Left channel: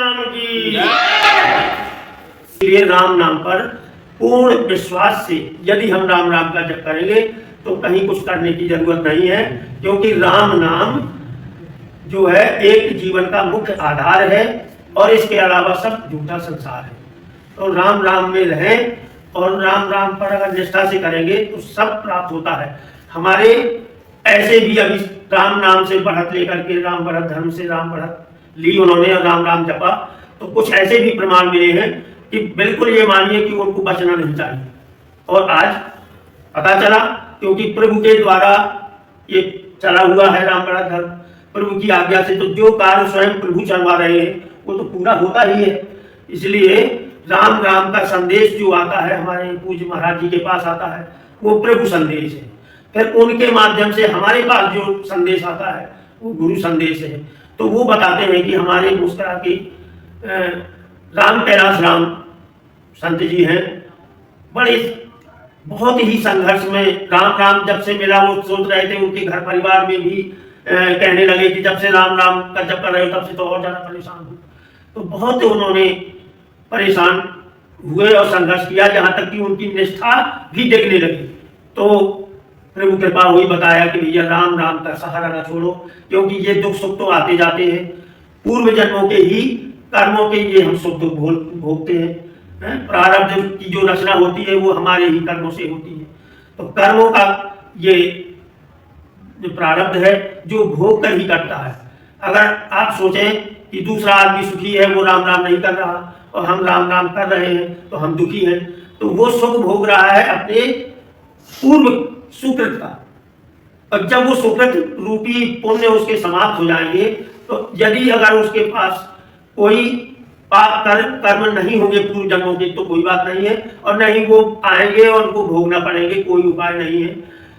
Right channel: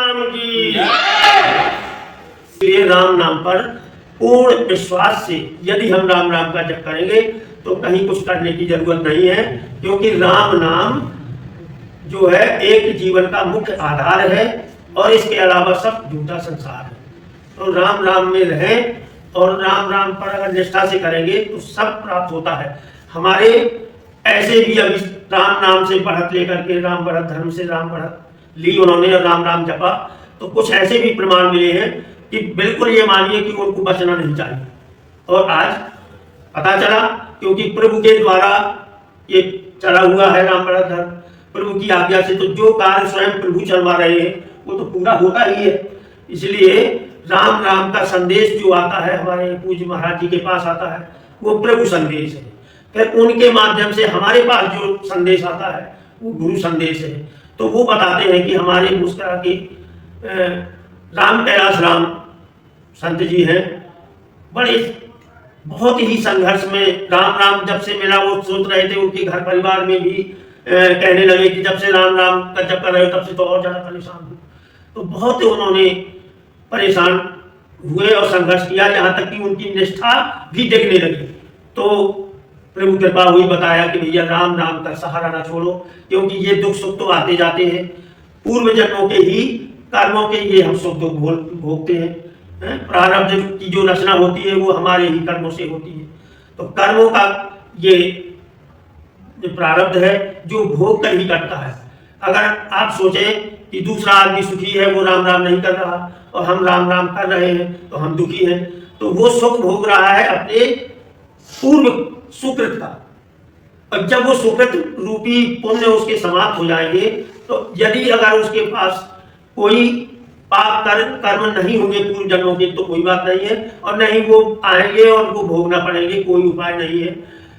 राम की। इसलिए राम नाम पर पूर्ण विश्वास से यदि हम राम राम का जप करेंगे तो कहीं कुछ करने की जरूरत नहीं है, क्योंकि राम नाम जो है एक जीवन का मुख्य आधार है और इसके अलावा सब झूठा संसार है। तो राम राम में रहें और राम राम पर अगर निष्ठा से करेंगे तो सब प्राप्त होता है। हमारे ऐसे भी अभी राम नाम से बढ़त लेकर के राम बढ़त धर्म से राम बढ़त ली उन्होंने और राम राम जपा, तो कुछ ऐसे भी प्रमाण मिले हैं कि बिल्कुल ये मानिए कि उनको बचना नहीं चाहिए। और आज पता चला, क्योंकि प्रभु के द्वारा ये चला हुआ है राम बढ़त धर्म, प्रभु की आज्ञा से, तो जो कार्य स्वयं प्रभु चलवा रहे हैं वो तो पूरा होता ही है। इसलिए राम राम का संदेश जो आता है हमारे पूज्य महाराज जी के पास आता है वो प्रभु संदेश है। फिर उनके माध्यम से हमारे पास जो संदेश आता है वो गुरु संदेश है। तो वो बताते हैं कि हमारे मुस्कुरा के राम कैलाश राम संत जी हैं, बड़े बहुत ही संघर्ष में राम राम जब से मिला वो सोच रहे थे, उनके घर परिवार में भी कहने लगे कि जब से राम राम का जप कर रहे हो तब से तो और ज्यादा परेशान हूँ। तो बहुत उन्होंने परेशान हुए और संघर्ष किया, जहां तक कि उनकी निष्ठा भी दिखने लगी। तो प्रभु कृपा हुई, बताया कि भैया राम राम का सहारा ना छोड़ो, क्योंकि ये दुख सुख तो आते जाते हैं, पूर्व जन्मों के ही कर्मों के ये हम सुख दुख भोगते हैं। प्रारब्ध की जो रचना होती है वो हमारे ही कर्मों से होती है। तो कर्मों का ये प्रारब्ध है जो भोग कर ही करता है। अगर आप सोचें कि दूसरा आदमी सुखी है, वो राम राम नहीं कर रहा और हम राम राम कर रहे हैं तो हम दुखी हैं, तो वो सुख भोग रहा है अपने पूर्व सुकृत का। और जब वो सुकृत रूपी पुण्य उसके समाप्त हो जाएंगे, तो यदि अगर उसके पास कोई पाप कर्म नहीं होंगे पूर्व जन्मों के तो कोई बात नहीं है, और नहीं वो आएंगे और उनको भोगना पड़ेंगे, कोई उपाय नहीं है।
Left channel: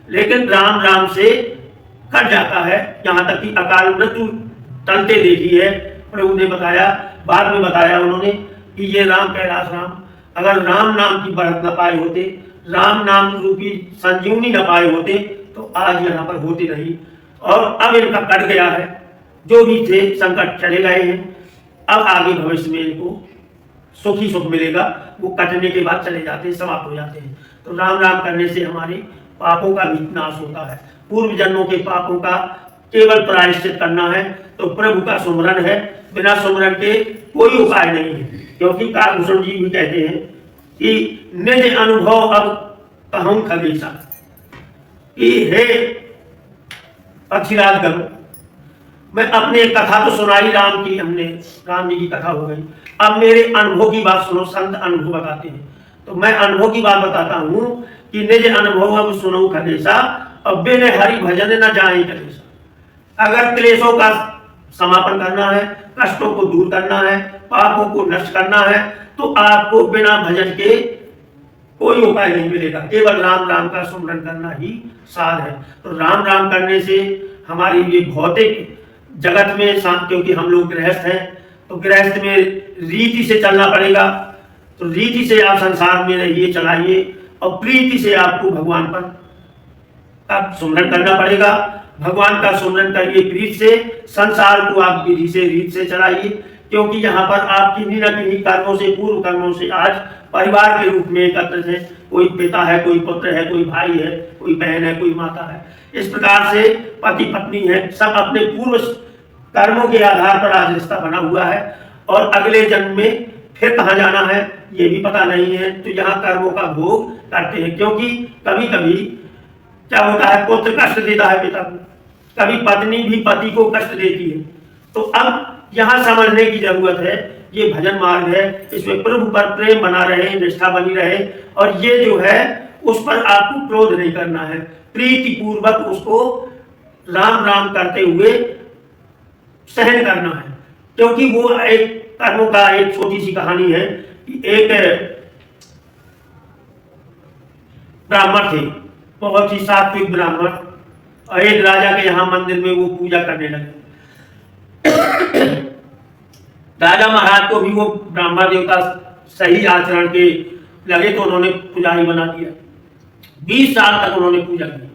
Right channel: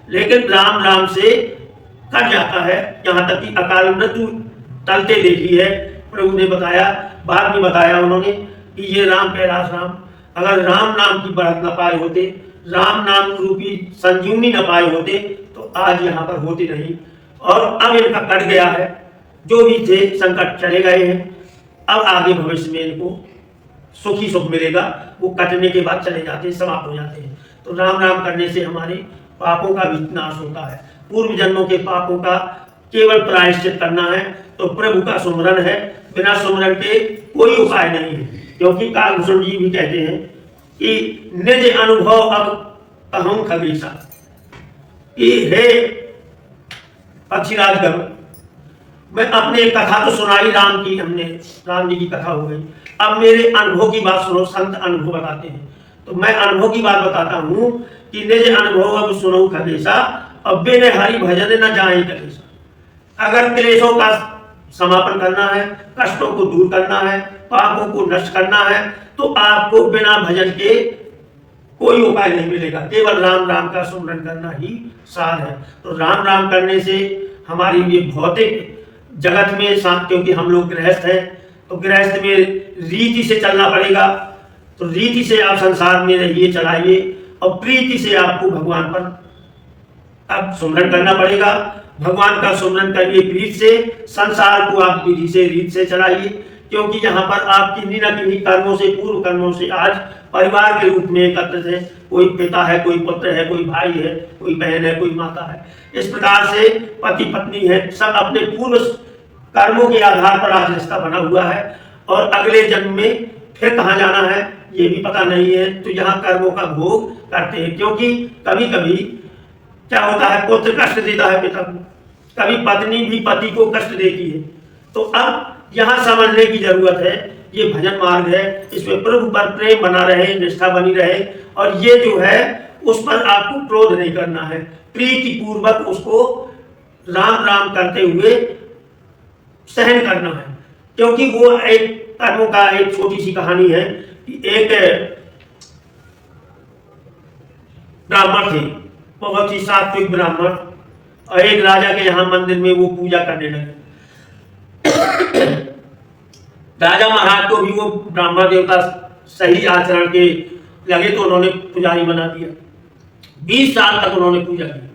लेकिन राम राम से कट जाता है, यहाँ तक कि अकाल मृत्यु टलते देखी है। प्रभु ने बताया, बाद में बताया उन्होंने कि ये राम कैलाश राम अगर राम नाम की बढ़त न पाए होते, राम नाम रूपी संजीवनी न पाए होते, तो आज यहाँ पर होते नहीं। और अब इनका कट गया है, जो भी थे संकट चले गए हैं, अब आगे भविष्य में इनको सुख ही सुख मिलेगा। वो कटने के बाद चले जाते हैं, समाप्त हो जाते हैं। तो राम राम करने से हमारे पापों का भी नाश होता है। पूर्व जन्मों के पापों का केवल प्रायश्चित करना है, तो प्रभु का सुमरन है, बिना सुमरन के कोई उपाय नहीं है। क्योंकि कालभूषण जी भी कहते हैं कि निज अनुभव अब कहूं खगेशा, कि हे पक्षीराज गम, मैं अपने कथा तो सुनाई राम की, हमने राम जी की कथा हो गई, अब मेरे अनुभव की बात सुनो। संत अनुभव बताते हैं, तो मैं अनुभव की बात बताता हूँ कि निज अनुभव अब सुनो खगेशा, अब बिन हरि भजन न जाए कलेशा। अगर क्लेशों का समापन करना है, कष्टों को दूर करना है, पापों को नष्ट करना है, तो आपको बिना भजन के कोई उपाय नहीं मिलेगा। केवल राम राम का सुमरन करना ही सार है। तो राम राम करने से हमारी ये भौतिक जगत में, क्योंकि हम लोग गृहस्थ हैं, तो गृहस्थ में रीति से चलना पड़ेगा। तो रीति से आप संसार में रहिए, चलाइए, और प्रीति से आपको भगवान पर आप सुमरन करना पड़ेगा। भगवान का सुमरन करिए प्रीति से, संसार को आप विधि से रीत से चलाइए, क्योंकि यहाँ पर आप किन्हीं न किन्हीं कर्मों से, पूर्व कर्मों से आज परिवार के रूप में एकत्रित है। कोई पिता है, कोई पुत्र है, कोई भाई है, कोई बहन है, कोई माता है। इस प्रकार से पति पत्नी है, सब अपने पूर्व कर्मों के आधार पर आज रिश्ता बना हुआ है। और अगले जन्म में फिर कहाँ जाना है ये भी पता नहीं है। तो यहाँ कर्मों का भोग करते हैं, क्योंकि कभी कभी क्या होता है, पुत्र कष्ट देता है पिता को, कभी पत्नी भी पति को कष्ट देती है। तो अब यहाँ समझने की जरूरत है, ये भजन मार्ग है, इसमें प्रभु पर प्रेम बना रहे, निष्ठा बनी रहे, और ये जो है उस पर आपको क्रोध नहीं करना है, प्रीति पूर्वक उसको राम राम करते हुए सहन करना है। क्योंकि वो एक कर्मों का एक छोटी सी कहानी है कि एक ब्राह्मण थे, बहुत ही सात्विक ब्राह्मण, और एक राजा के यहाँ मंदिर में वो पूजा करने लगे। राजा महाराज को भी वो ब्राह्मण देवता सही आचरण के लगे, तो उन्होंने पुजारी बना दिया। 20 साल तक उन्होंने पूजा की,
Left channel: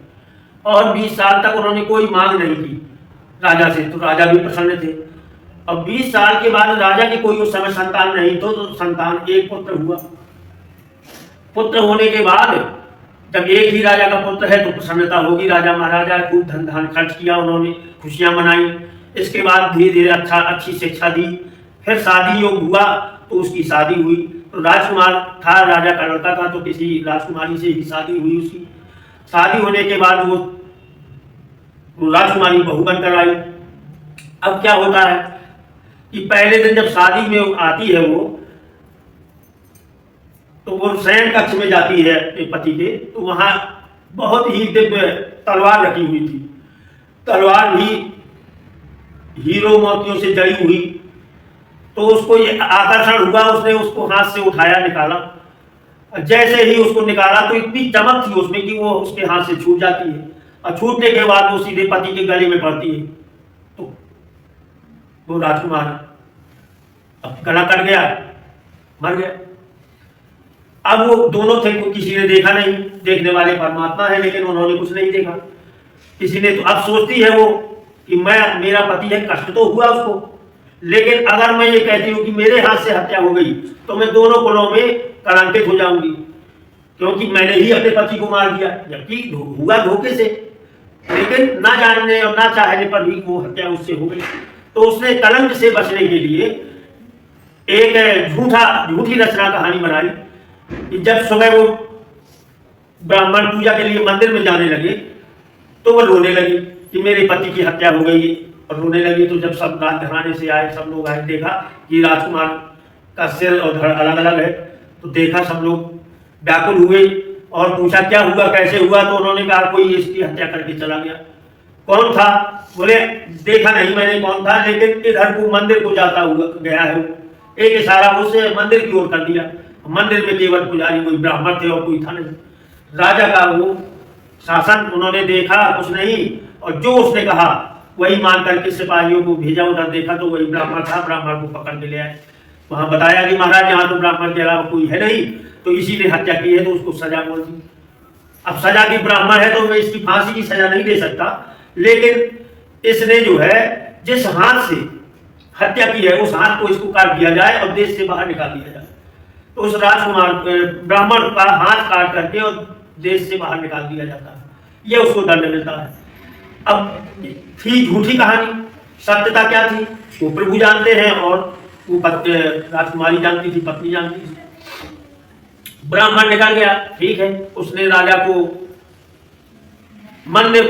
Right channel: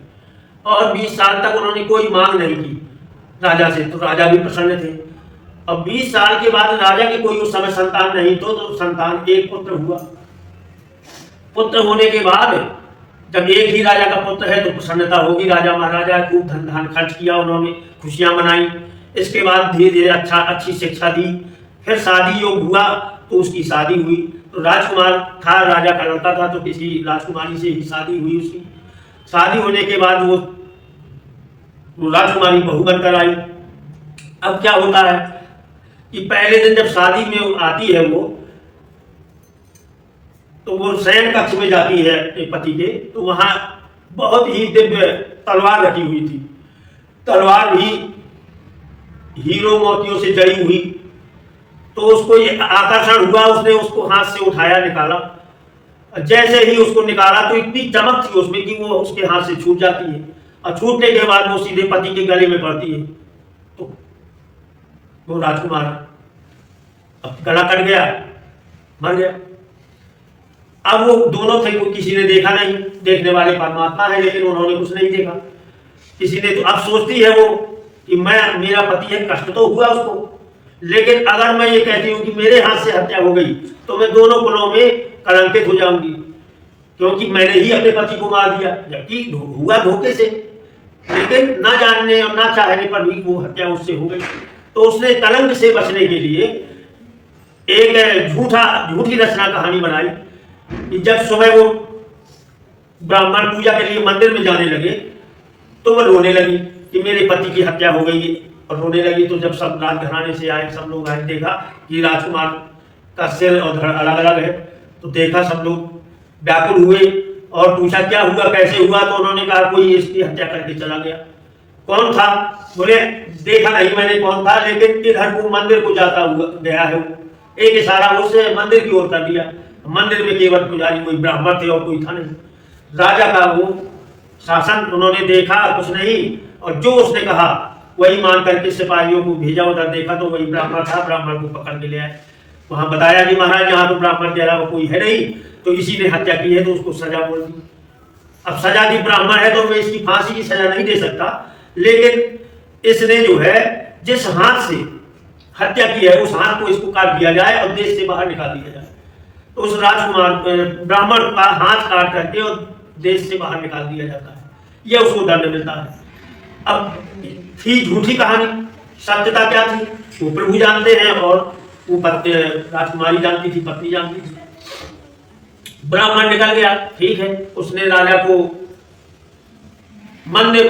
और 20 साल तक उन्होंने कोई मांग नहीं की राजा से। तो राजा भी प्रसन्न थे। और 20 साल के बाद राजा की कोई उस समय संतान नहीं तो संतान एक पुत्र हुआ। पुत्र होने के बाद जब एक ही राजा का पुत्र है तो प्रसन्नता होगी, राजा महाराजा खूब धन धान खर्च किया, उन्होंने खुशियां मनाई। इसके बाद धीरे धीरे अच्छी शिक्षा दी, फिर शादी योग हुआ तो उसकी शादी हुई। तो राजकुमार था, राजा का लड़का था, तो किसी राजकुमारी से ही शादी हुई उसकी। शादी होने के बाद वो राजकुमारी बहू बनकर आई। अब क्या होता है कि पहले दिन जब शादी में आती है वो, तो वो शयन कक्ष में जाती है पति के, तो वहां बहुत ही दिव्य तलवार रखी हुई थी। तलवार भी हीरो मोतियों से जड़ी हुई। तो उसको ये आकर्षण हुआ, उसने उसको हाथ से उठाया, निकाला। जैसे ही उसको निकाला तो इतनी चमक थी उसमें कि वो उसके हाथ से छूट जाती है, और छूटने के बाद वो सीधे पति के गले में पड़ती है। तो वो राजकुमार अब गला कट गया, मर गया। अब वो दोनों थे, किसी ने देखा नहीं, देखने वाले परमात्मा है, लेकिन उन्होंने कुछ नहीं देखा। किसी ने तो अब सोचती है वो कि मेरा पति है, कष्ट तो हुआ उसको, लेकिन अगर मैं ये कहती हूँ कि मेरे हाथ से हत्या हो गई तो मैं दोनों कुलों में कलंकित हो जाऊंगी, क्योंकि मैंने ही अपने पति को मार दिया, जबकि हुआ धोखे से, लेकिन ना जानने और ना चाहने पर भी वो हत्या उससे हो गई। तो उसने कलंक से बचने के लिए एक झूठी रचना कहानी बनाई कि जब सुबह वो ब्राह्मण पूजा के लिए मंदिर में जाने लगे तो वो रोने लगी कि मेरे पति की हत्या हो गई, और रोने लगी। तो जब सब रात घराने से आए, सब लोग आए, देखा कि राजकुमार का सिर और धड़ अलग अलग है। तो देखा, सब लोग व्याकुल हुए और पूछा क्या हुआ, कैसे हुआ। तो उन्होंने कहा कोई इसकी हत्या करके चला गया। कौन था? बोले देखा नहीं मैंने कौन था, लेकिन इधर को मंदिर को जाता हुआ गया है। एक इशारा उससे मंदिर की ओर कर दिया। मंदिर में केवल पुजारी कोई ब्राह्मण थे और कोई था नहीं। राजा का वो शासन उन्होंने देखा, कुछ नहीं, और जो उसने कहा वही मान करके सिपाहियों को भेजा। उधर देखा तो वही ब्राह्मण था, ब्राह्मण को पकड़ के ले आए। वहां बताया कि महाराज यहाँ तो ब्राह्मण के अलावा कोई है नहीं, तो इसी ने हत्या की है, तो उसको सजा बोल दी। अब सजा की ब्राह्मण है तो मैं इसकी फांसी की सजा नहीं दे सकता, लेकिन इसने जो है जिस हाथ से हत्या की है उस हाथ को इसको काट दिया जाए और देश से बाहर निकाल दिया जाए। तो उस राजकुमार ब्राह्मण का हाथ काट करके और देश से बाहर निकाल दिया जाता है, यह उसको दंड मिलता है। अब थी झूठी कहानी, सत्यता क्या थी वो प्रभु जानते हैं, और वो राजकुमारी जानती थी, पत्नी जानती थी। ब्राह्मण निकल गया, ठीक है, उसने राजा को मन में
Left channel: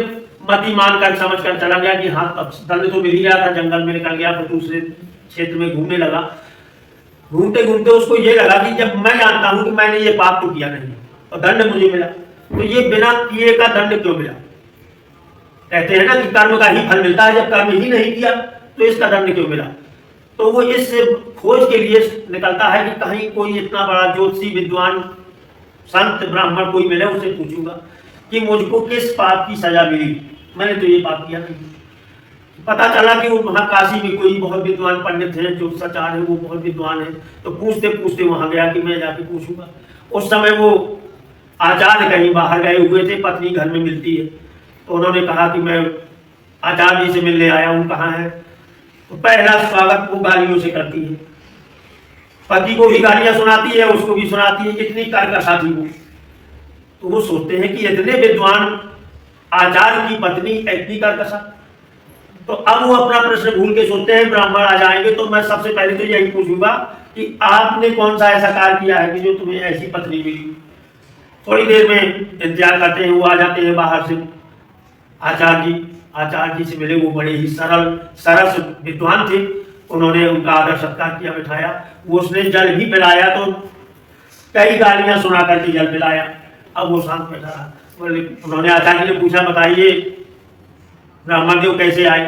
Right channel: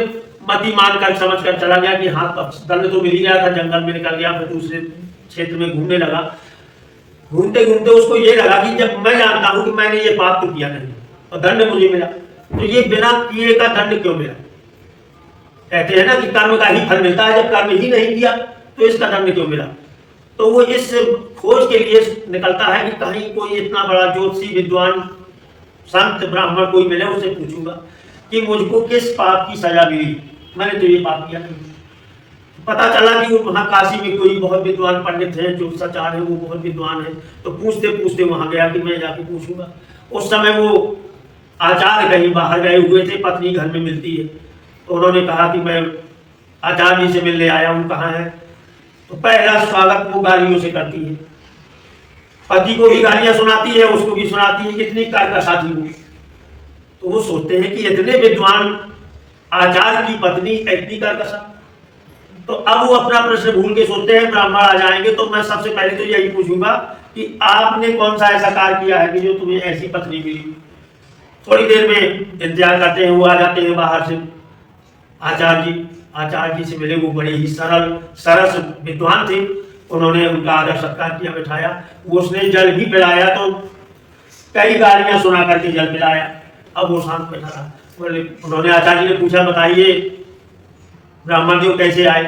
मति मानकर समझ कर चला गया कि हाँ दंड तो मिल ही गया था, जंगल में निकल गया, फिर दूसरे क्षेत्र में घूमने लगा। घूमते घूमते उसको ये लगा कि जब मैं जानता हूं कि मैंने ये पाप तो किया नहीं और दंड मुझे मिला, तो ये बिना किए का दंड क्यों मिला? कहते हैं ना कि कर्म का ही फल मिलता है, जब कर्म ही नहीं किया तो इसका दंड क्यों मिला? तो वो इस खोज के लिए निकलता है कि कहीं कोई इतना बड़ा ज्योतिषी विद्वान संत ब्राह्मण कोई मिले, उसे पूछूंगा कि मुझको किस पाप की सजा मिली, मैंने तो ये पाप किया नहीं। पता चला कि वो वहाँ काशी में कोई बहुत विद्वान पंडित है, जो सचार है, वो बहुत विद्वान है। तो पूछते पूछते वहां गया कि मैं जाके पूछूंगा। उस समय वो आचार्य कहीं बाहर गए हुए थे, पत्नी घर में मिलती है। तो उन्होंने कहा कि मैं आचार्य जी से मिलने आया हूँ, कहाँ है? तो पहला स्वागत वो गालियों से करती है, पति को भी गालियां सुनाती है, उसको भी सुनाती है, इतनी कर्कशा थी वो। तो वो सोचते हैं कि इतने विद्वान आचार्य की पत्नी इतनी कर्कशा। तो अब वो अपना प्रश्न भूल के सोचते हैं ब्राह्मण आ जाएंगे तो मैं सबसे पहले तो यही पूछूंगा कि आपने कौन सा ऐसा कार्य किया है कि जो तुम्हें ऐसी पत्नी मिली। थोड़ी देर में इंतजार करते हैं, वो आ जाते हैं बाहर से। आचार्य जी से मिले, वो बड़े ही सरस विद्वान थे। उन्होंने उनका आदर सत्कार किया, बिठाया। वो उसने जल भी पिलाया, तो कई गालियां सुना करके जल पिलाया। अब वो शांत बैठा रहा। बोले, उन्होंने आचार्य जी ने पूछा, बताइए ब्राह्मण देव कैसे आए?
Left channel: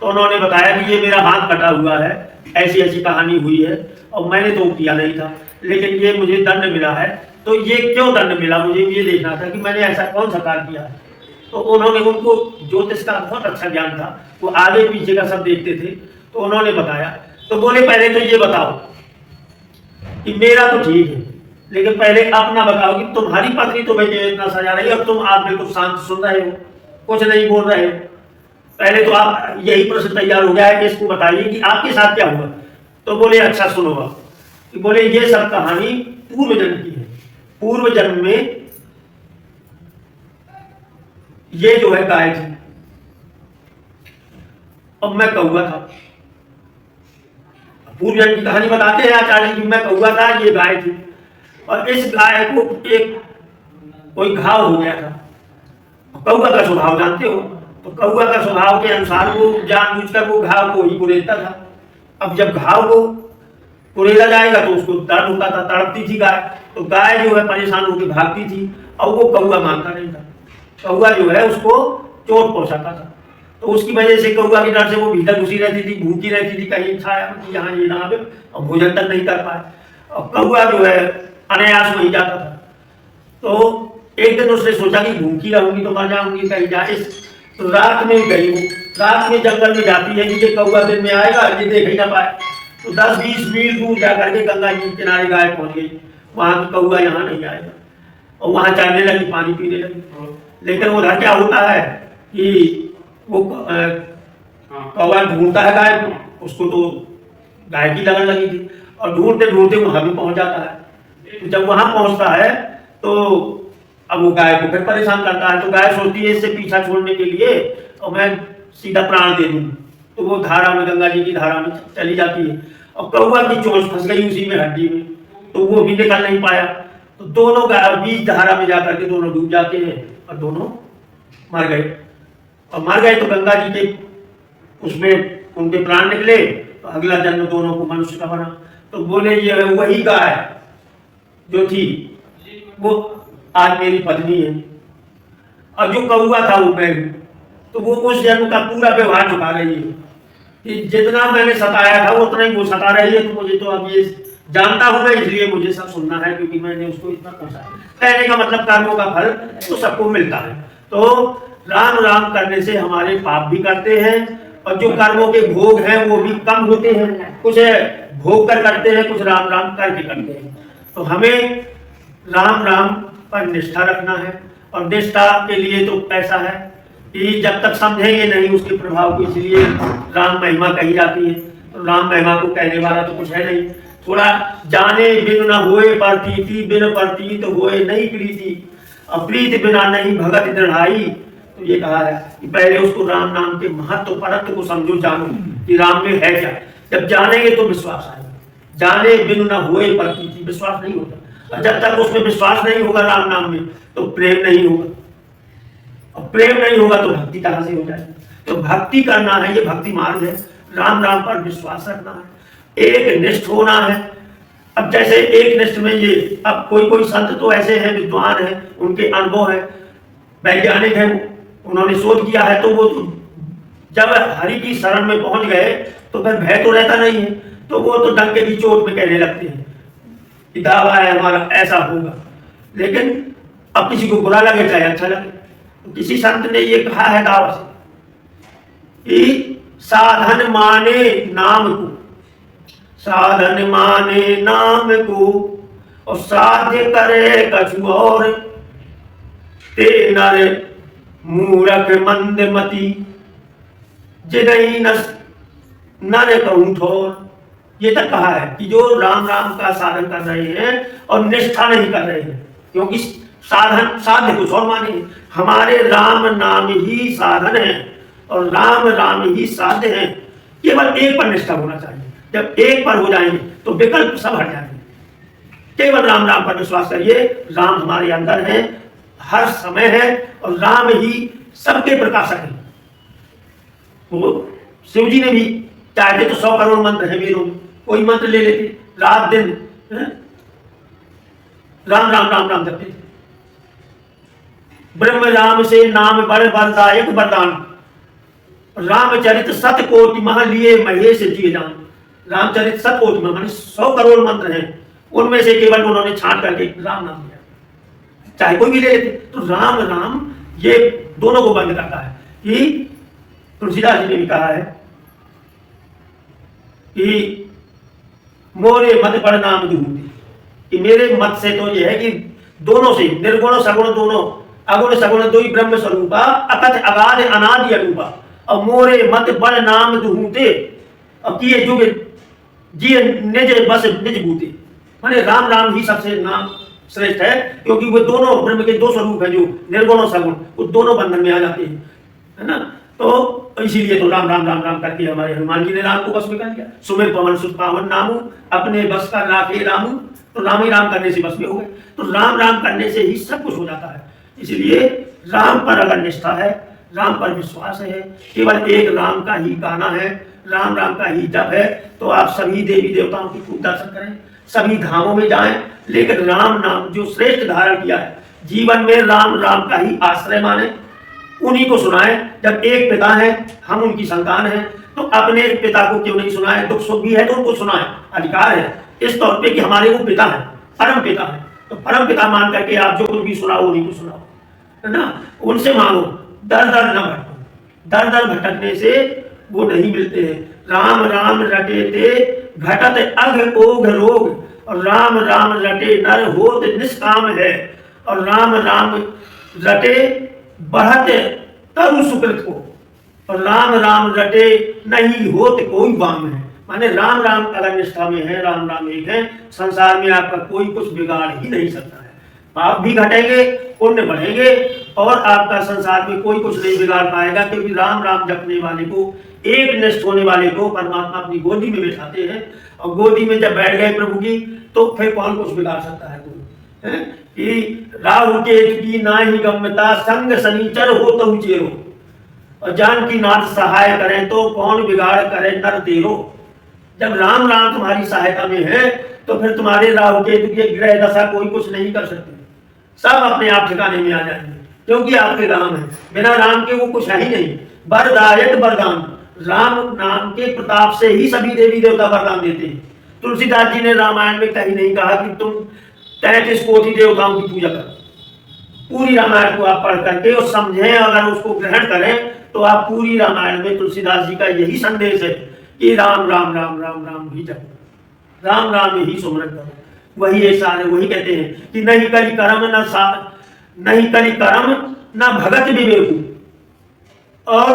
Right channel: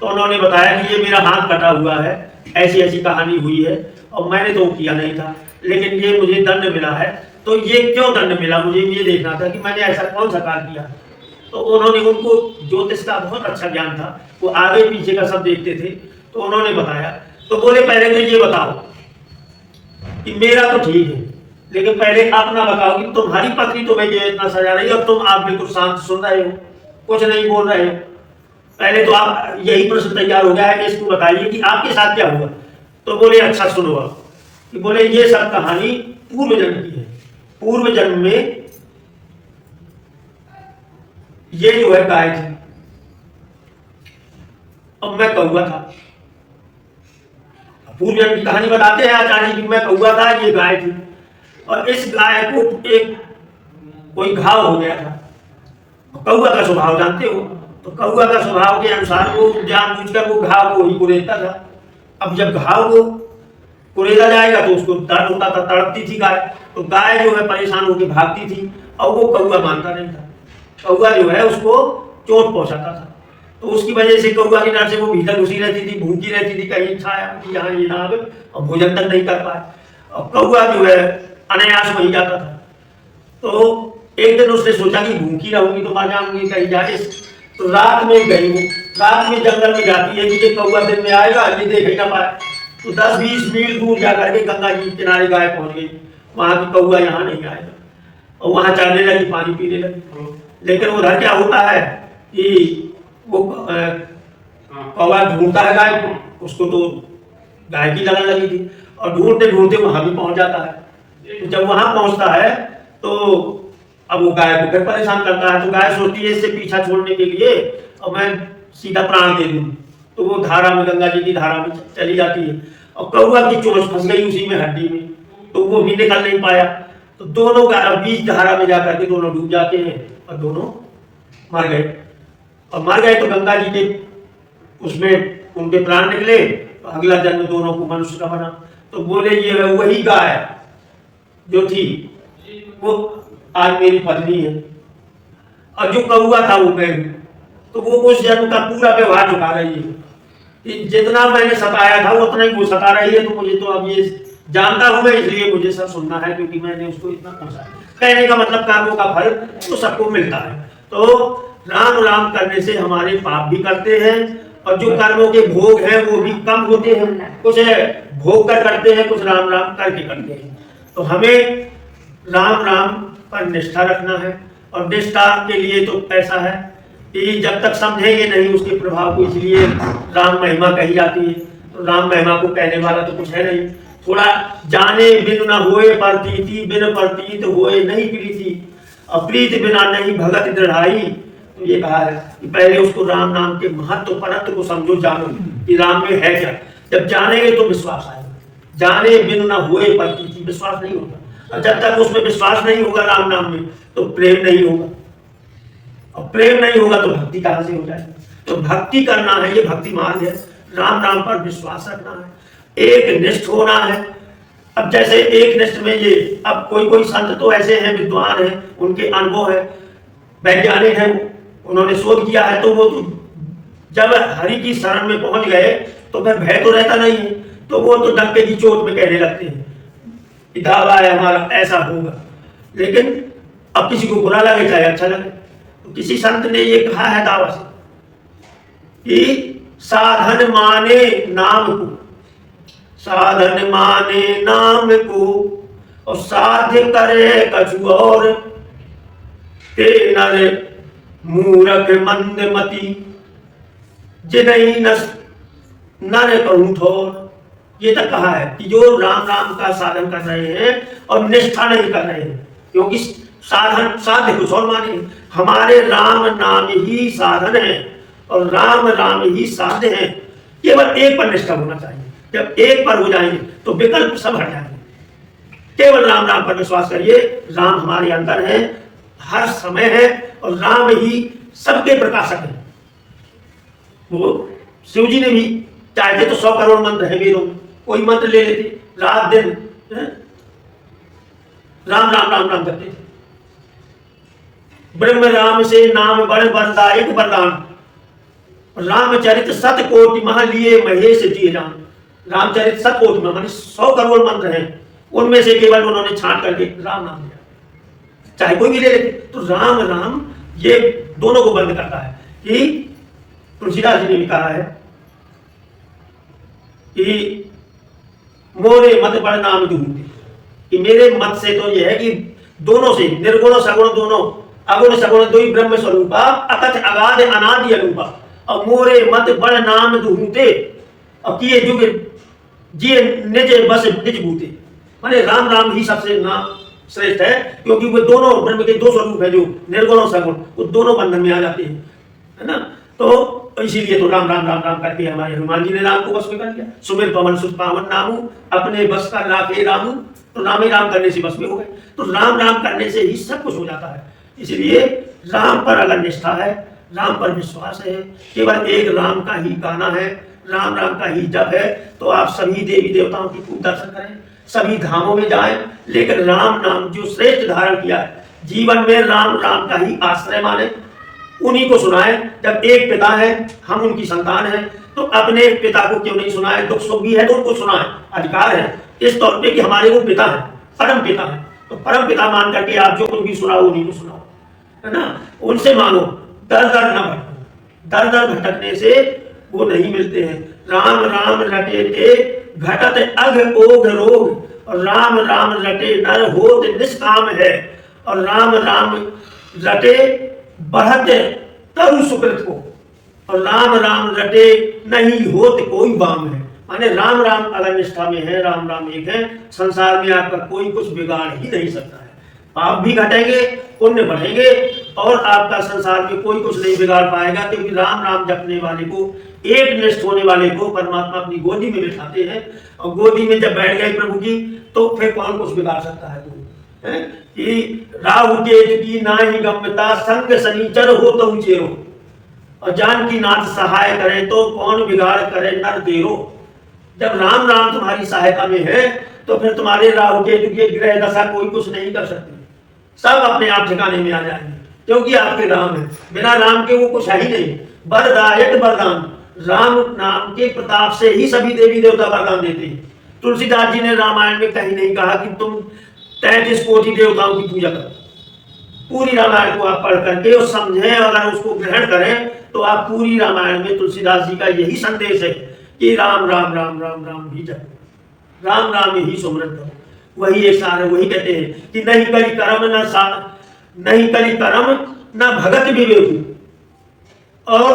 तो उन्होंने बताया कि ये मेरा हाथ कटा हुआ है, ऐसी ऐसी कहानी हुई है, और मैंने तो किया नहीं था, लेकिन ये मुझे दंड मिला है। तो ये क्यों दंड मिला, मुझे ये देखना था कि मैंने ऐसा कौन सा कार्य किया है। तो उन्होंने, उनको ज्योतिष का बहुत अच्छा ज्ञान था, वो आगे पीछे का सब देखते थे। तो उन्होंने बताया। तो बोले, पहले तो ये बताओ कि मेरा तो ठीक है, लेकिन पहले अपना बताओ कि तुम्हारी पत्नी तुम्हें इतना सजा रही है और आप बिल्कुल शांत सुन रहे हो, कुछ नहीं बोल रहे हो। पहले तो आप यही प्रश्न तैयार हो गया है कि इसको बताइए कि आपके साथ क्या हुआ। तो बोले अच्छा सुनो आप, कि बोले ये सब कहानी पूर्व जन्म की है। पूर्व जन्म में ये जो है गाय थी, अब मैं कौवा था। पूर्व जन्म की कहानी बताते हैं आचार्य कि मैं कौवा था, ये गाय थी, और इस गाय को एक कोई घाव हो गया था। कौवा का स्वभाव जानते हो, तो कौवा का स्वभाव के अनुसार वो जानबूझकर वो घाव को ही कुरेदता था। अब जब घाव को कुरेदा जाएगा तो उसको दर्द होता था, तड़पती थी गाय, तो गाय जो है परेशान होकर भागती थी, और वो कौवा मानता नहीं था। कौवा जो है उसको चोट पहुंचाता था, तो उसकी वजह से कौवा के डर से वो भीतर घुसी रहती थी, भूखी रहती थी, कहीं छाया यहाँ ये ना आवे, और भोजन तक नहीं कर पाए। और कौवा जो है अनायास वहीं जाता था। तो एक दिन उसने सोचा कि भूखी रहूंगी तो मर जाऊंगी, कहीं जाए। तो रात में गई, वो रात में जंगल में जाती है कि कौवा दिन में आएगा, ये देख ही ना पाए। तो 10-20 मील दूर जाकर के गंगा जी के किनारे गाय पहुंच गई। वहां की कौवा यहाँ नहीं आएगा, और वहां चलने लगी, पानी पीने लगी। लेकिन उधर क्या होता है कि वो कौवा ढूंढता है गाय को, उसको तो गाय की लगन लगी थी, और ढूंढते ढूंढते वहां भी पहुंच जाता है। तो जब वहां पहुंचता है तो अब वो गाय को फिर परेशान करता है। तो गाय सोचती है इससे पीछा छोड़ने के लिए और मैं सीधा प्राण दे दूं, तो वो धारा में, गंगा जी की धारा में चली जाती है, और कौवा की चोंच फंस गई उसी में, हड्डी में, तो वो भी निकल नहीं पाया। तो दोनों का बीच धारा में जाकर के दोनों डूब जाते हैं और दोनों मर गए। और मर गए तो गंगा जी के उसमें उनके प्राण निकले, तो अगला जन्म दोनों को मनुष्य का बना। तो बोले ये वही गाय जो थी वो आज मेरी पत्नी है, और जो कौवा था वो मैं हूं। तो वो उस जन्म का पूरा व्यवहार चुका रही है कि जितना मैंने सताया था उतना ही वो सता रही है। तो मुझे तो अब ये जानता हूं मैं, इसलिए मुझे सब सुनना है, क्योंकि मैंने उसको इतना पहुंचाया। कहने का मतलब कर्मों का फल तो सबको मिलता है। तो राम राम करने से हमारे पाप भी करते हैं, और जो कर्मों के भोग हैं वो भी कम होते हैं। कुछ भोग कर करते हैं, कुछ राम राम करके करते हैं। तो हमें राम राम पर निष्ठा रखना है, और निष्ठा के लिए तो ऐसा है कि जब तक समझेंगे नहीं उसके प्रभाव को, इसलिए राम महिमा कही जाती है। तो राम महिमा को कहने वाला तो कुछ है नहीं। थोड़ा जाने बिन न होए प्रतीति, बिन प्रतीत होए नहीं प्रीति, और प्रीति बिना नहीं भगत दृढ़ाई। तो ये कहा है कि पहले उसको राम नाम के महत्व परत्व को समझो, जानो कि राम में है क्या। जब जानेंगे तो विश्वास आएगा। जाने बिन न होए प्रतीति, विश्वास नहीं होता, और जब तक उसमें विश्वास नहीं होगा राम नाम में तो प्रेम नहीं होगा, और प्रेम नहीं होगा तो भक्ति कहां से हो जाएगी। तो भक्ति करना है, ये भक्ति मार्ग है। राम राम पर विश्वास रखना है, एक निष्ठ होना है। अब जैसे एक निष्ठ में ये, अब कोई कोई संत तो ऐसे हैं, विद्वान हैं, उनके अनुभव है, वैज्ञानिक है, उन्होंने शोध किया है, तो वो तो जब हरि की शरण में पहुंच गए तो वह भय तो रहता नहीं है, तो वो तो डंके की चोट में कहने लगते हैं कि दावा है हमारा ऐसा होगा। लेकिन अब किसी को बुरा लगे चाहे अच्छा लगे, तो किसी संत ने ये कहा है दावा से कि साधन माने नाम को, साधन माने नाम को, और साध्य करे कछु और, ते नर मूरख मंद मति, जिनहि नर कहूं ठोर। ये तक कहा है कि जो राम राम का साधन कर रहे हैं और निष्ठा नहीं कर रहे हैं, क्योंकि साधन साध्य कुछ और माने, हमारे राम नाम ही साधन है और राम राम ही साध्य है। केवल एक पर निष्ठा होना चाहिए। जब एक पर हो जाएंगे तो विकल्प सब हट जाएंगे। केवल राम राम पर विश्वास करिए, राम हमारे अंदर है, हर समय है, और राम ही सबके प्रकाशक है। वो शिव जी ने भी चाहते तो 100 करोड़ मंत्र है वेदों में, कोई मंत्र ले लेते, रात दिन राम राम राम राम करते थे। ब्रह्म राम से नाम बड़ बलदायक वरदान, रामचरित सत कोटि मह लिए महेश जी जान। रामचरित सत कोटि मह माने 100 करोड़ मंत्र हैं, उनमें से केवल उन्होंने छांट करके राम नाम दिया, चाहे कोई भी ले लेते। तो राम राम ये दोनों को बंद करता है। कि तुलसीदास जी ने भी कहा है कि मोरे मत पर नाम विभूति, कि मेरे मत से तो यह है कि दोनों से, निर्गुण सगुण दोनों, अगुण सगुण दो ही ब्रह्म स्वरूपा, अकथ अगाध अनादि अनूपा। और मोरे मत बड़ नाम दुहूते और किए जुग जिए निज बस निज भूते। माने राम राम ही सबसे नाम श्रेष्ठ है, क्योंकि वो दोनों ब्रह्म के दो स्वरूप है, जो निर्गुण और सगुण, वो दोनों बंधन में आ जाते हैं, है ना। तो इसीलिए तो राम राम राम राम करके हमारे हनुमान जी ने राम को बस में कर लिया। सुमिर पवन सुत पावन नामू अपने बस का राखे रामू, तो राम ही राम करने से बस में हो गए। तो राम राम करने से ही सब कुछ हो जाता है। इसलिए राम पर अगर निष्ठा है, राम पर विश्वास है, केवल एक राम का ही गाना है, राम राम का ही जप है, तो आप सभी देवी देवताओं की खूब दर्शन करें, सभी धामों में जाएं, लेकिन राम नाम जो श्रेष्ठ धारण किया है, जीवन में राम राम का ही आश्रय माने, उन्हीं को सुनाएं। जब एक पिता है, हम उनकी संतान हैं, तो अपने पिता को क्यों नहीं सुनाएं? दुख सुख भी है तो उनको सुनाएं, अधिकार है इस तौर पे कि हमारे वो पिता है, परम पिता है। तो परम पिता मान करके आप जो कुछ भी सुनाओ उन्हीं को सुनाओ, है ना। उनसे मांगो, दर दर न भटको, दर दर भटकने से वो नहीं मिलते हैं। राम राम रटे ते घटत अघ ओघ रोग, और राम राम रटे नर होत निष्काम है, और राम राम रटे बढ़ते तरु सुकृत को, और राम राम रटे नहीं होत कोई बाम है। माने राम राम अगर निष्ठा में है, राम राम एक है, संसार में आपका कोई कुछ बिगाड़ ही नहीं सकता है। पाप भी घटेंगे, पुण्य बढ़ेंगे, और आपका संसार में कोई कुछ नहीं बिगाड़ पाएगा, क्योंकि राम राम जपने वाले को, एक निष्ठ होने वाले को परमात्मा अपनी गोदी में बिठाते हैं, और गोदी में जब बैठ गए प्रभु की, तो फिर कौन कुछ बिगाड़ सकता है? कि राहु केतु की नाही गम्यता, संग शनिचर हो तो चेरो, और जानकी नाथ सहाय करें तो कौन बिगाड़ करे नर तेरो। जब राम राम तुम्हारी सहायता में है, तो फिर तुम्हारे राहु केतु के ग्रह दशा कोई कुछ नहीं कर सकते, सब अपने आप ठिकाने में आ जाएंगे, क्योंकि आपके राम है। बिना राम के वो कुछ है ही नहीं। वरदायक वरदान, राम नाम के प्रताप से ही सभी देवी देवता वरदान देते हैं। तुलसीदास जी ने रामायण में कहीं नहीं कहा कि तुम 33 कोटि देवताओं की पूजा करो। पूरी रामायण को आप पढ़ करके और समझें, अगर उसको ग्रहण करें, तो आप पूरी रामायण में तुलसीदास जी का यही संदेश है कि राम राम राम राम राम ही जपो, राम राम ही सुमरन करो। वही ये सारे वही कहते हैं कि नहीं कली कर्म नहीं कली कर्म न भगत विवेकु, और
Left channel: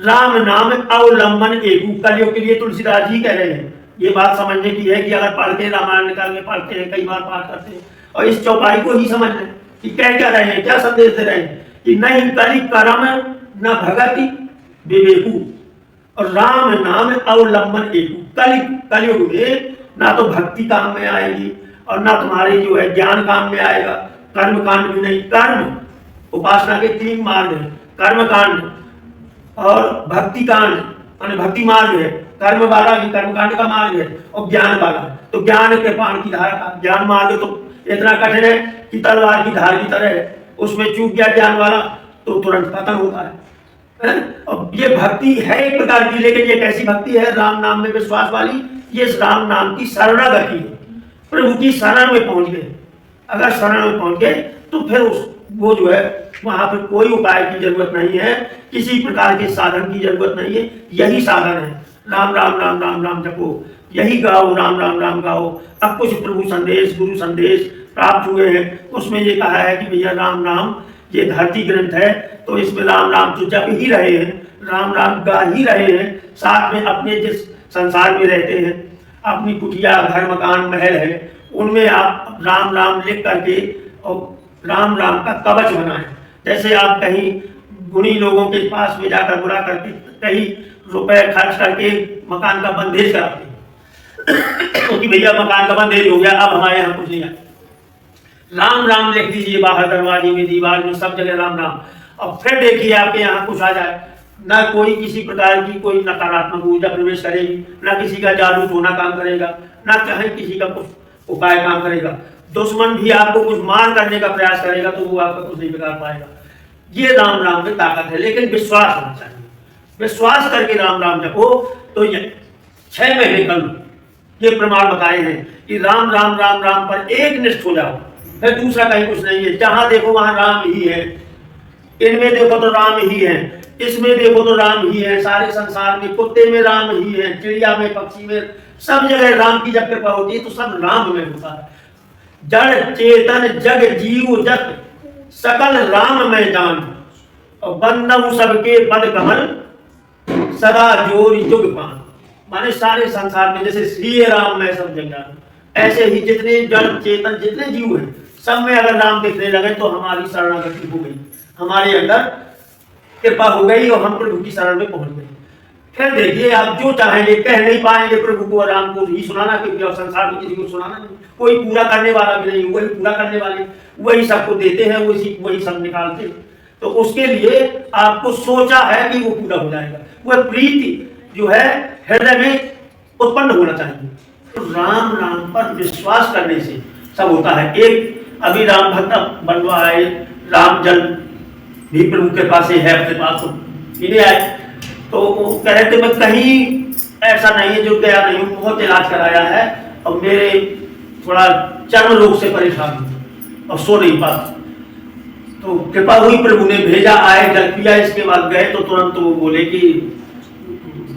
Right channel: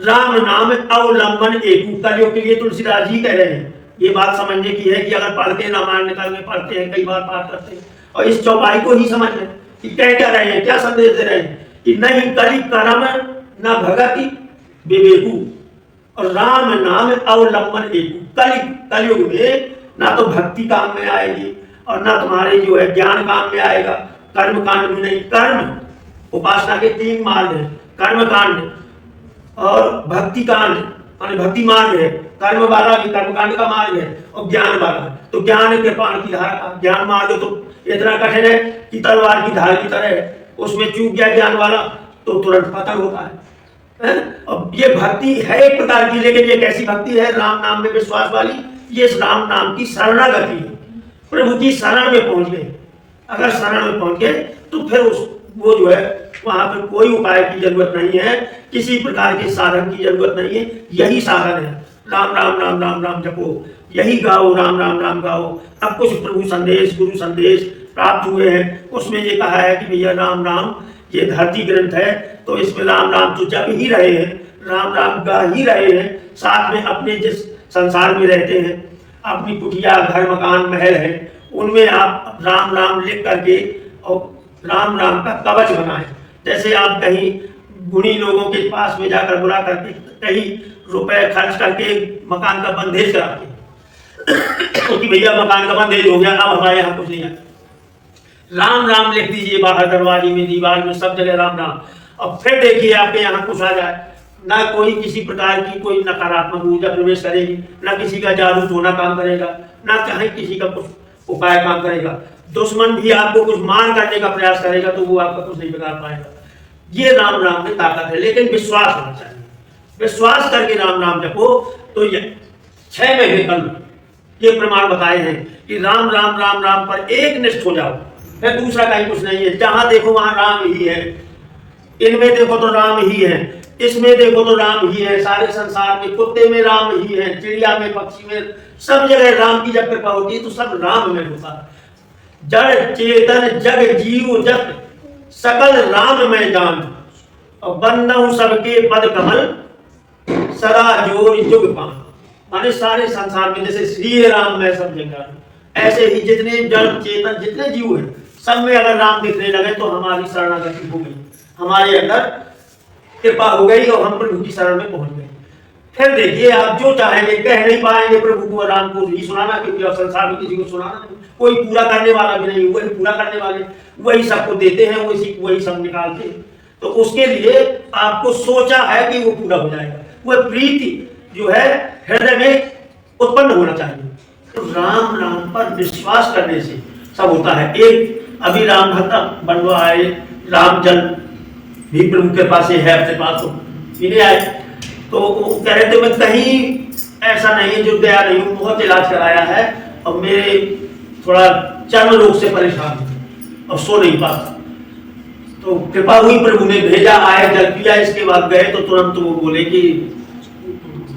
राम नाम अवलंबन एकू। कलियों के लिए तुलसीदास जी कह रहे हैं। ये बात समझने की है कि अगर पढ़ते हैं, रामायण निकाल में पढ़ते हैं, कई बार पाठ करते हैं, और इस चौपाई को ही समझ लें कि क्या रहे हैं, क्या संदेश दे रहे हैं कि नहीं कली कर्म न भगति विवेकु, और राम नाम अवलंबन एकू। कलयुग में ना तो भक्ति काम में आएगी, और ना तुम्हारे जो है ज्ञान काम में आएगा, कर्म कांड भी नहीं। कर्म उपासना के 3 मार्ग है, कर्म कांड और भक्ति कांड, माने भक्ति मार्ग है, कर्म वाला भी कर्म कांड का मार्ग है, और ज्ञान वाला। तो ज्ञान के पान की धारा का ज्ञान मार्ग तो इतना कठिन है कि तलवार की धार की तरह है, उसमें चूक गया ज्ञान वाला तो तुरंत पतन होता है। और ये भक्ति है एक प्रकार की, लेकिन ये कैसी भक्ति है? राम नाम में विश्वास वाली। ये राम नाम की शरणागति है, प्रभु की शरण में पहुंच गए। अगर शरण में पहुंच गए तो फिर वो जो है वहां पर कोई उपाय की जरूरत नहीं है, किसी प्रकार के साधन की जरूरत नहीं है। यही साधन है, राम राम राम राम राम जपो, यही गाओ, राम राम राम गाओ। अब कुछ प्रभु संदेश, गुरु संदेश प्राप्त हुए हैं, उसमें ये कहा है कि भैया राम राम ये धरती ग्रंथ है, तो इसमें राम राम तो जप ही रहे हैं, राम राम गा ही रहे हैं। साथ में अपने जिस संसार में रहते हैं, अपनी कुटिया, घर, मकान, महल है, उनमें आप राम राम लिख करके और राम राम का कवच बनाएं। जैसे आप कहीं गुणी लोगों के पास में जाकर बुला करके कहीं रुपए खर्च करके मकान का बंदेज कराते हैं क्योंकि भैया मकान का बंदेज हो गया, अब हमारे यहाँ कुछ नहीं आता। राम राम लिख दीजिए, बाहर दरवाजे में, दीवार में, सब जगह राम राम, और फिर देखिए आपके यहाँ कुछ आ जाए। ना कोई किसी प्रकार की कोई नकारात्मक ऊर्जा प्रवेश करेगी, ना किसी का जादू टोना काम करेगा, ना कहीं किसी का कुछ उपाय काम करेगा। दुश्मन भी आपको कुछ मार करने का प्रयास करेगा तो वो आपका कुछ नहीं बिगाड़ पाएगा। ये राम राम में ताकत है, लेकिन विश्वास होना चाहिए। विश्वास करके राम राम जपो तो ये 6 महीने कल ये प्रमाण बताए हैं कि राम राम राम राम पर एक निष्ठ हो जाओ, फिर दूसरा कहीं कुछ नहीं है। जहां देखो वहां राम ही है, इनमें देखो तो राम ही है, इसमें देखो तो राम ही है, सारे संसार में कुत्ते में राम ही है, चिड़िया में, पक्षी में, सब जगह राम की जब कृपा होती है तो सब राम में होता है। जड़ चेतन जग जीव जत सकल राम में जान, और बंदहु सबके पद कमल सदा जोर जुग पान, माने सारे संसार में जैसे श्री राम में सब जगह, ऐसे ही जितने जड़ चेतन जितने जीव हैं सब में अगर राम दिखने लगे तो हमारी शरणागति हो गई, हमारे अंदर कृपा हो गई और हम प्रभु की शरण में पहुंच गए। फिर देखिए आप जो चाहेंगे कह नहीं पाएंगे प्रभु को, राम को ही सुनाना, क्योंकि संसार में किसी को सुनाना नहीं, कोई पूरा करने वाला भी नहीं, वही पूरा करने वाले, वही सबको देते हैं, वही सब निकालते हैं। तो उसके लिए आपको सोचा है कि वो पूरा हो जाएगा, वह प्रीति जो है हृदय में उत्पन्न होना चाहिए। तो राम नाम पर विश्वास करने से सब होता है। एक अभी राम भक्त बनवा आए, राम जल भी प्रभु के पास है, अपने पास तो पीने आए, तो कह रहे थे मैं कहीं ऐसा नहीं है जो गया नहीं हूँ, बहुत इलाज कराया है और मेरे थोड़ा चर्म रोग से परेशान हूँ और सो नहीं पाता। तो कृपा हुई, प्रभु ने भेजा, आए, जल पिया, इसके बाद गए तो तुरंत वो बोले कि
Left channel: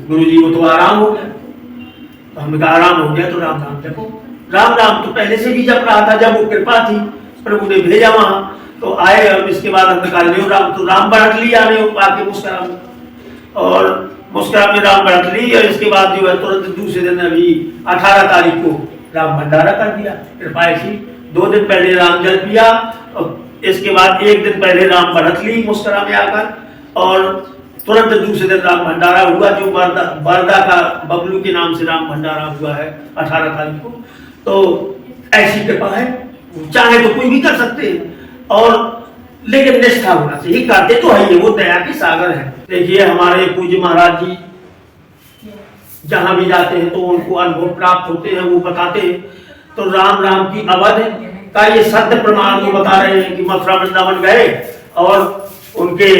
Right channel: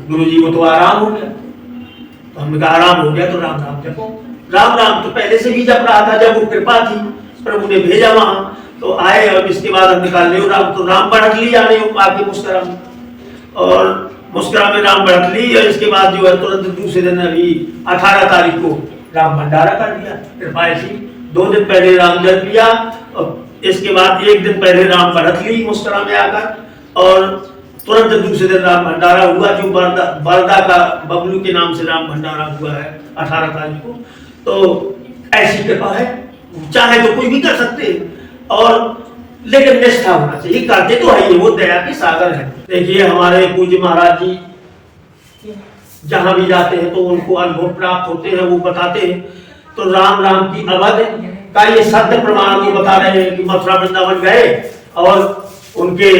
गुरुजी वो तो आराम हो गया। तो हमने कहा आराम हो गया तो राम नाम जपो। राम नाम तो पहले से भी जप रहा था, जब वो कृपा थी, प्रभु ने भेजा वहां तो आए, और इसके बाद हमने कहा ले राम, तो राम बढ़त लिया, ले आके मुस्कुरा और मुस्कुरा में राम बढ़त ली, और इसके बाद जो है तुरंत दूसरे दिन अभी 18 तारीख को राम भंडारा कर दिया कृपा ऐसी। 2 दिन पहले राम जल पिया और इसके बाद 1 दिन पहले राम बढ़त ली मुस्कुरा में आकर, और तुरंत दूसरे दिन राम भंडारा हुआ, जो बरदा का बबलू के नाम से राम भंडारा हुआ है 18 तारीख को। तो ऐसी कृपा है, चाहे तो कोई भी कर सकते हैं, और लेकिन निष्ठा होना चाहिए, करते तो है ये, वो दया के सागर है। देखिए हमारे पूज्य महाराज जी जहां भी जाते हैं तो उनको अनुभव प्राप्त होते हैं, वो बताते हैं। तो राम राम की अवध का ये सत्य प्रमाण को बता रहे हैं कि मथुरा वृंदावन गए और उनके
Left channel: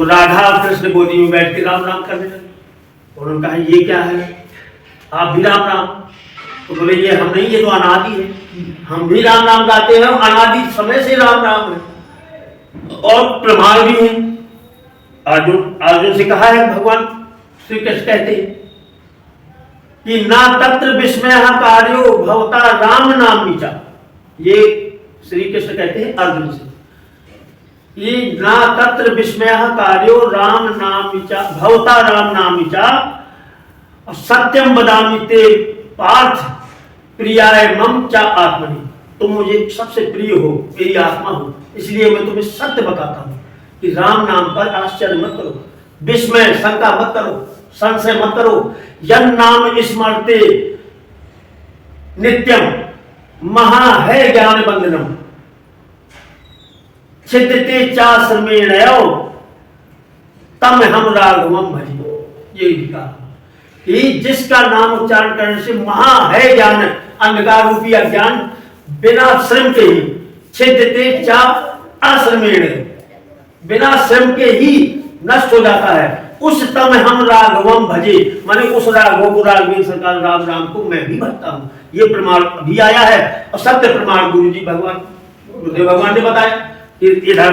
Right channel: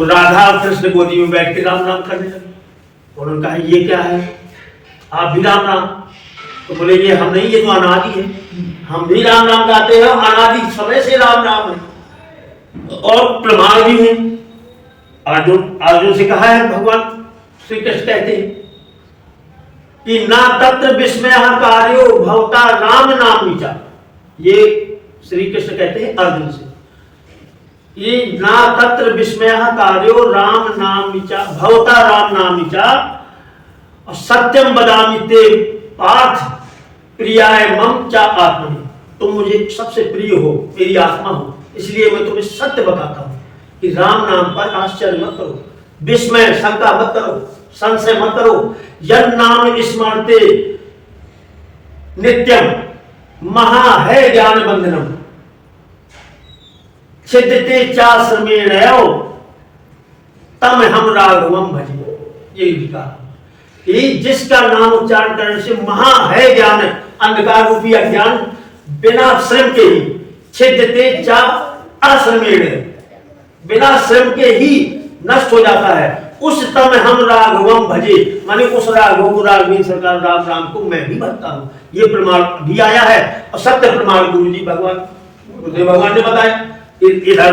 राधा और कृष्ण गोदी में बैठ के राम राम करने लगे, और उन्होंने कहा ये क्या है, आप भी राम राम? तो बोले ये हम नहीं, ये तो अनादि है, हम भी राम राम गाते हैं, अनादि समय से राम राम है, और प्रमाण भी है। अर्जुन से कहा है भगवान श्री कृष्ण कहते हैं कि ना तत्र विस्मय कार्यो भवता राम नाम नीचा, ये श्री कृष्ण कहते हैं अर्जुन से, ये ना तत्र विस्मय कार्यो राम नाम नीचा भवता राम नाम नीचा, और सत्यम बदामि ते पार्थ प्रियाय मम चा आत्मनि, तुम मुझे सबसे प्रिय हो, मेरी आत्मा हो, इसलिए मैं तुम्हें सत्य बताता हूं कि राम नाम पर आश्चर्य मत करो, विस्मय शंका मत करो, संशय मत करो। यन नाम स्मरते नित्यम महा है ज्ञान बंधनम छिद्यते चा श्रमेणयो तम हम राघवम भजे। ये लिखा कि जिसका नाम उच्चारण करने से महा है ज्ञान, अंधकार रूपी अज्ञान बिना श्रम के ही, छिद्यते चा अश्रमेण, बिना श्रम के ही नष्ट हो जाता है। उस तम हम राघवम भजे, माने उस राघव को, राघवेंद्र सरकार राम राम को मैं भी भजता हूं। ये प्रमाण भी आया है, और सत्य प्रमाण गुरु जी गुरुदेव भगवान ने बताया। इधर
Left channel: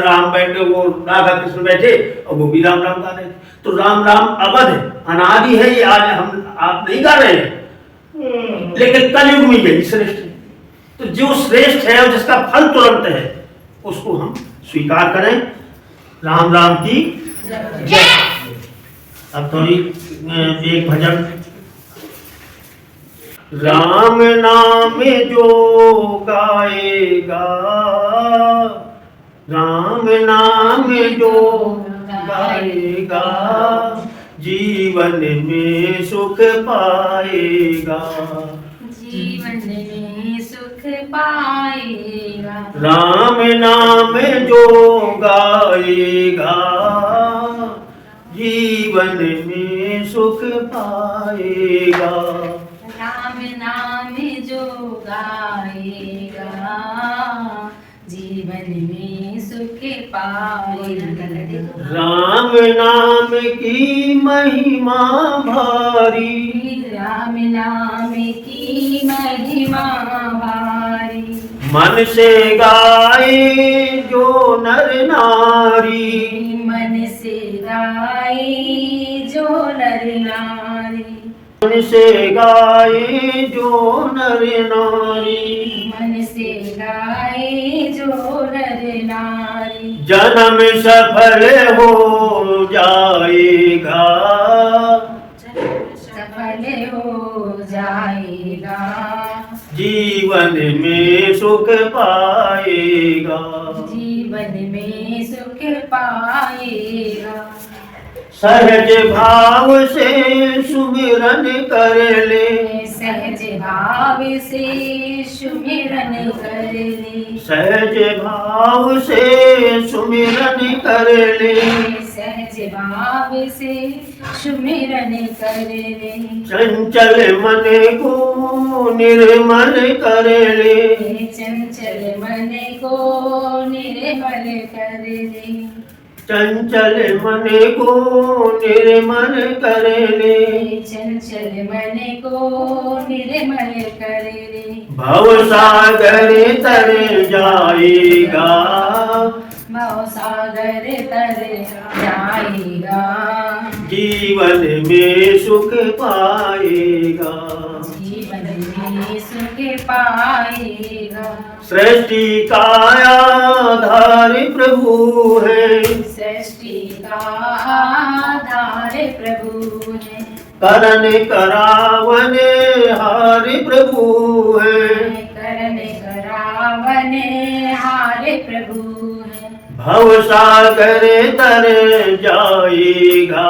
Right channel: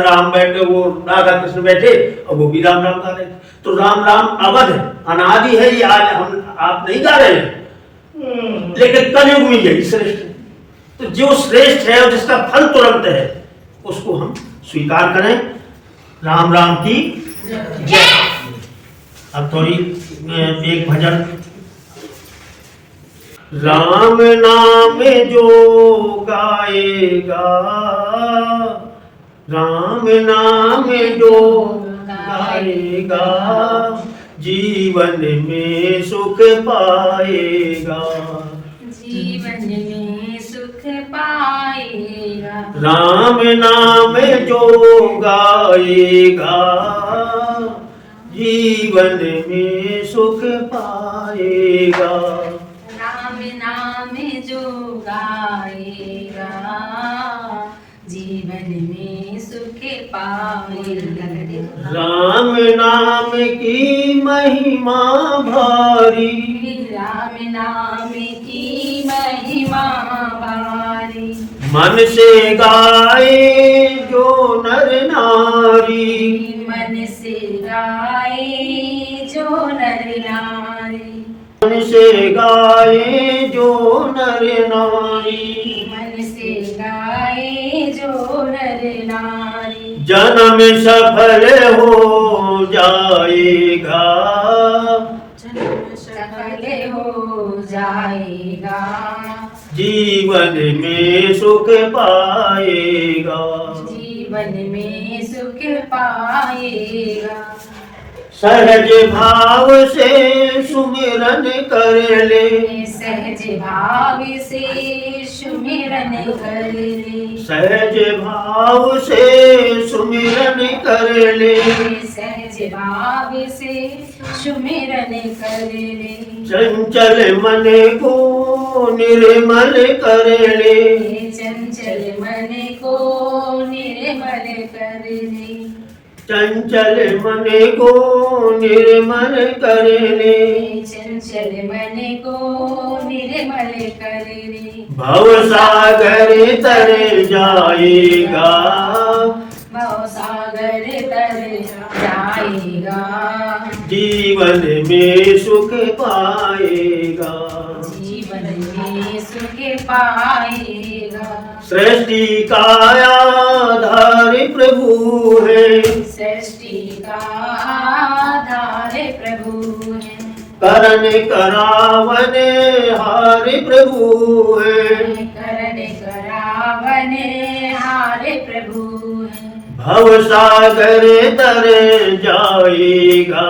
राम बैठे, वो राधा कृष्ण बैठे और वो भी राम राम गा रहे थे। तो राम राम अवध है, अनादि है, ये आज हम आप नहीं गा रहे हैं, लेकिन कलयुग में यही श्रेष्ठ है। तो जो श्रेष्ठ है और जिसका फल तुरंत है उसको हम स्वीकार करें। राम राम की जय। अब थोड़ी एक भजन, राम नाम जो गाएगा, राम नाम जो गाएगा जीवन में सुख पाएगा, जीवन में सुख पाएगा। राम नाम जो गाएगा जीवन में सुख पाएगा, राम नाम जो गाएगा जीवन में सुख पाएगा। राम नाम की महिमा भारी, राम नाम की महिमा भारी, मन से गाए जो नर नारी, मन से गाए जो नर नारी, मन से गाए जो नर नारी, मन से गाए जो नर नारी, जन्म सफल हो जाएगा, सफल हो जाएगा, जीवन में सुख पाएगा, जीवन में सुख पाएगा। सहज भाव से सुमिरन कर ले, सहज भाव से सुमिरन कर ले, सहज भाव से सुमिरन कर ले, सहज भाव से सुमिरन कर ले, चंचल मन को निर्मल कर ले, चंचल मन को निर्मल कर ले, चंचल मन को निर्मल कर ले, चंचल मन को निर्मल कर ले, भव सागर तर जाएगा, भव सागर तर जाएगा, जीवन में सुख पाएगा, जीवन में सुख पाएगा। सृष्टि का आधार प्रभु है, सृष्टि का आधार प्रभु है, करण करावन हार प्रभु है, करण करावन हार प्रभु है, भव सागर तर जाएगा,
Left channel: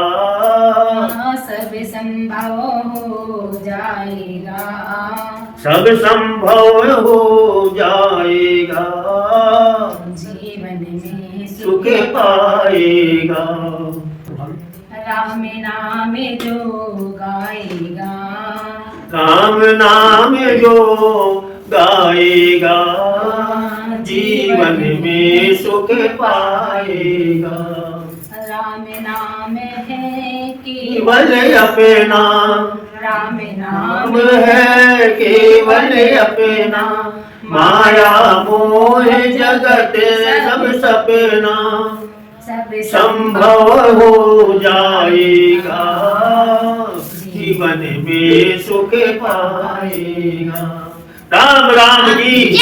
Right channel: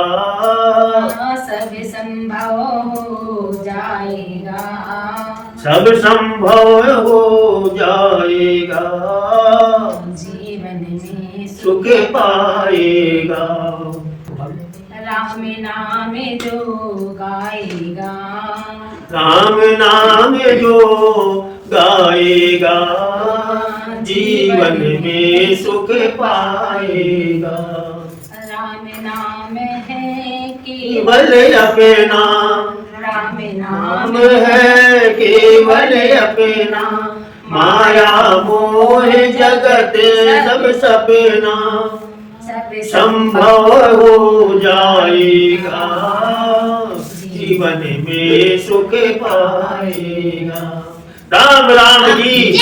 सब संभव हो जाएगा, सब संभव हो जाएगा, जीवन में सुख पाएगा। राम नाम जो गाएगा, राम नाम जो गाएगा, जीवन में सुख पाएगा, राम नाम है केवल अपना, राम नाम है केवल अपना, माया मोह जगत सब सपना, सब संभव हो जाएगा, जीवन में सुख पाएगा। राम राम की